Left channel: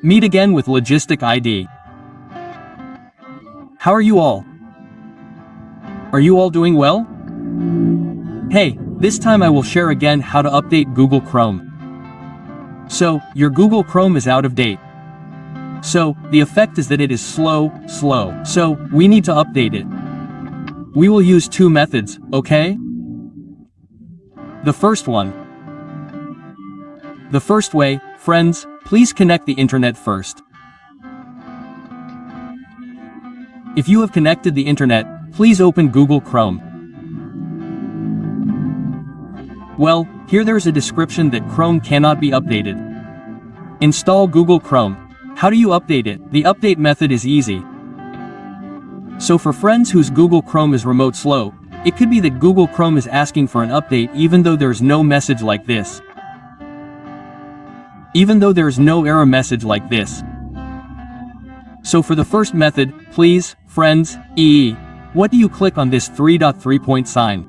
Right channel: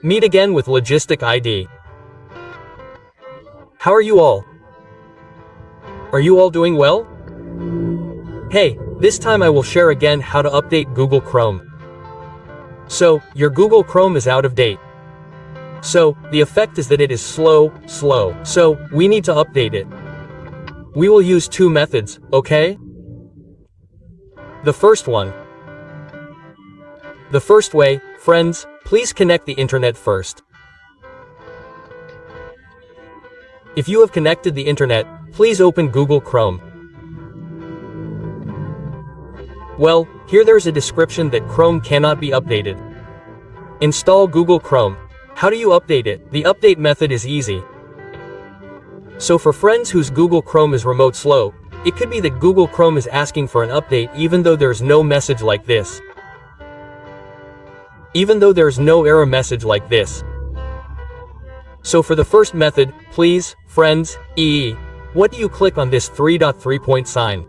Meet again with Logistic ID. How are you all? Are you all doing well? Hey, this time I will share again how to update Google Chrome. So, your Google Chrome is out of date. So, the effect is that it is slow. So, we need to update it. We will use two methods, okay? The first one. The first way, friends, please connect the internet first. If you have connected the internet, please open Google Chrome. Well, here there is a description that Chrome cannot be updated. Install Google Chrome. How do you update it? The update method is easy. So for friends whose Google Chrome is remote slow, it could be that Google Chrome is asking for an update even though there's no message like this. Even though there's no error message like this. So for the first method, please, friends, what do you click on this 3.3 point sign?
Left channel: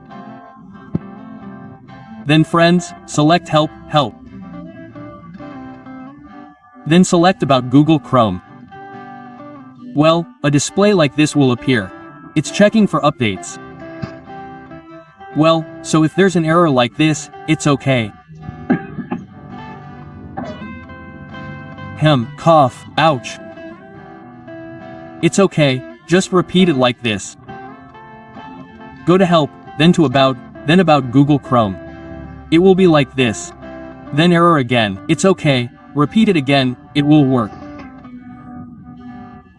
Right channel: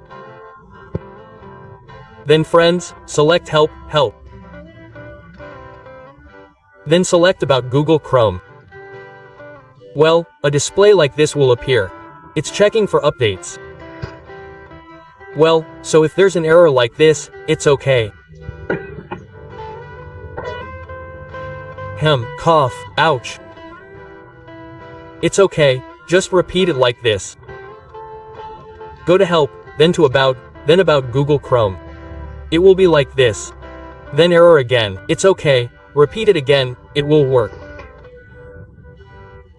Then friends, select Help. Then select About Google Chrome. Well, a display like this will appear. It's checking for updates. Well, so if there's an error like this, it's okay. Cough, ouch. It's okay, just repeat it like this. Go to Help, then to About, then About Google Chrome. It will be like this. Then error again. It's okay, repeat it again, it will work.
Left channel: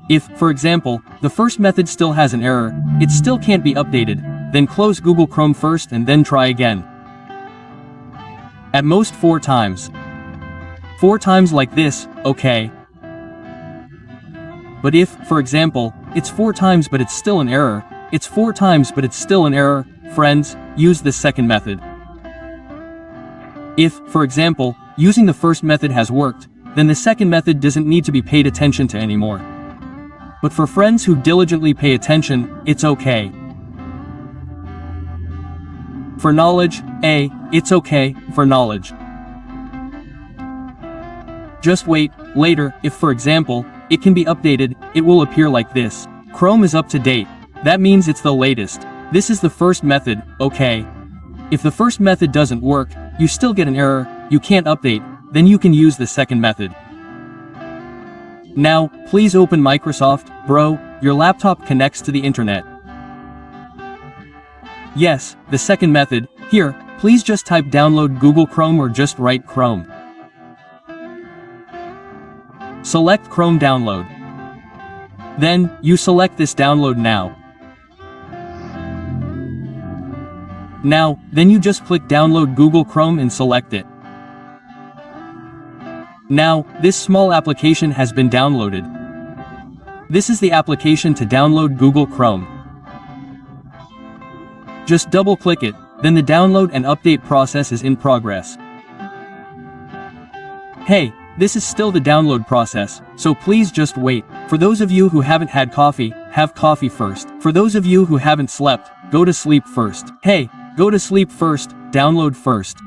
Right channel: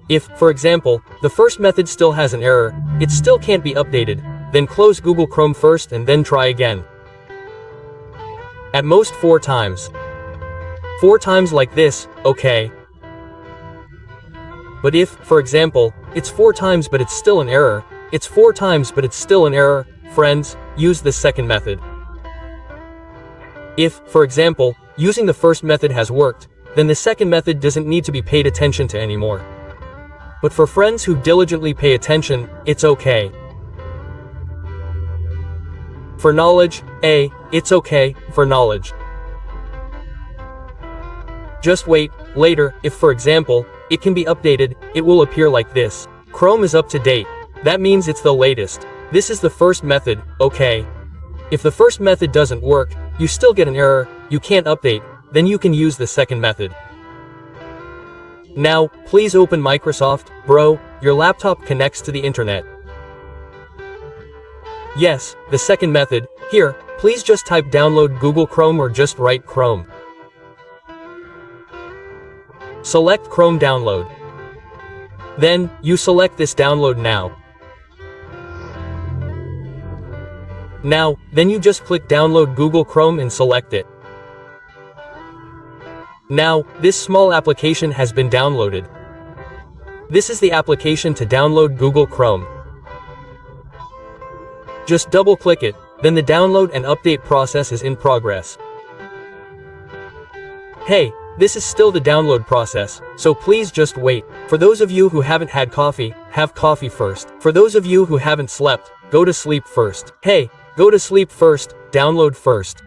If, for example, the first method still has an error, it still can't be updated, then close Google Chrome first and then try again. At most 4 times. 4 times like this, okay. But if, for example, it's 4 times but it's still an error, it's 4 times but it's still an error, friends, use the second method. If, for example, using the first method has worked, then the second method doesn't need to be paid attention to anymore. But for friends who diligently pay attention, it's okay. For knowledge, it's okay, for knowledge. Just wait, later, if for example, it can be updated, it will appear like this. Chrome is up to date. That means it's the latest. This is the first method, okay. If the first method doesn't work, you still get an error, you can't update, then you can use the second method. Now, please open Microsoft, bro, your laptop connects to the internet. Yes, the second method, here, please just type download Google Chrome or just write Chrome. Select Chrome download. Then, you select this download now. Now, then you just click download Google Chrome and select it. Now, this small application has been downloaded. This is the application to download Google Chrome. Just double click it, then the download and update process is in progress. Hey, this is still the download process, so please just wait. For those of you who haven't had coffee, have coffee first. For those of you who haven't slept, go to sleep first. Hey, go to sleep first, download first.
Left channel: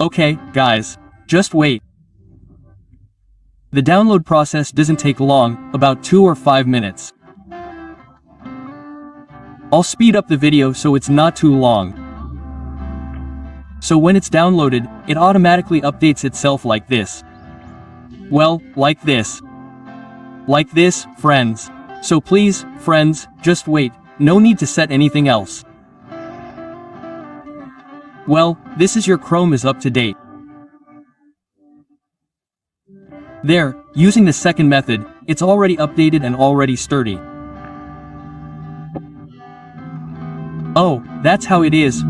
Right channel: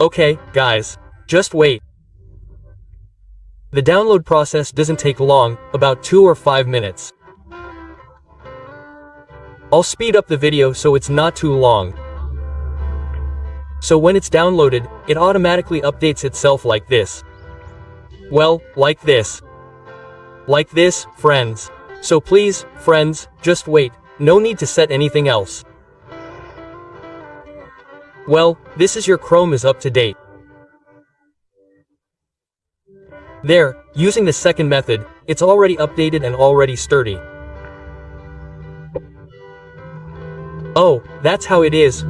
Okay, guys, just wait. The download process doesn't take long, about 2 or 5 minutes. I'll speed up the video so it's not too long. So when it's downloaded, it automatically updates itself like this. Well, like this. Like this, friends. So please, friends, just wait, no need to set anything else. Well, this is your Chrome is up to date. There, using the second method, it's already updated and already sturdy. Oh, that's how it is.